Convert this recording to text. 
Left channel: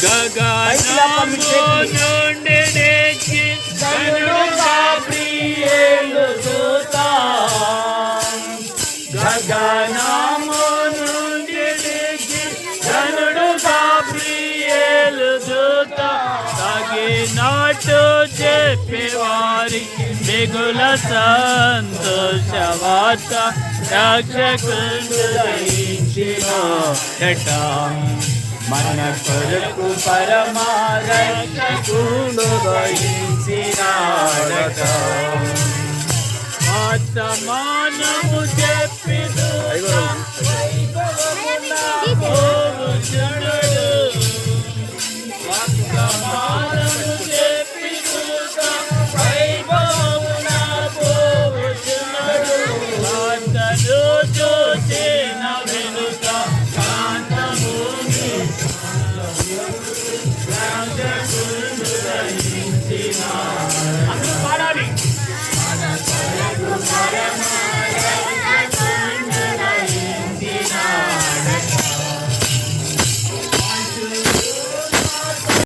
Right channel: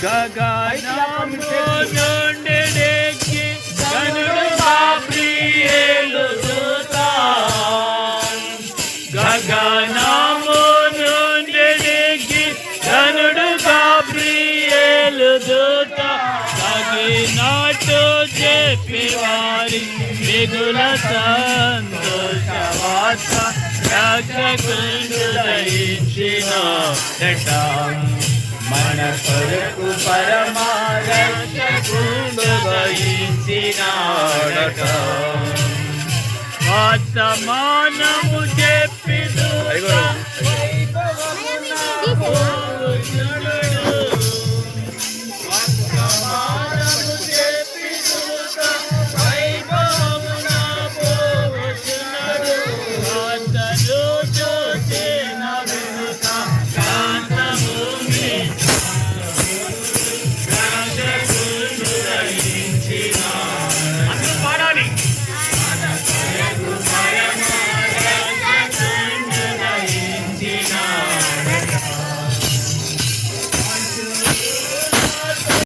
గగనము నుండి దిగి ఘనుడు గాబ్రియేలు దూత గగనము నుండి దిగి ఘనుడు గాబ్రియేలు దూత తగినట్టు చెప్పేవారి మిగుల సంతోష వార్త రక్షకుడు దయించిన మన కొరకు పరమారక్షకుడు దయించినాడట వర్తమానము చెప్పిదు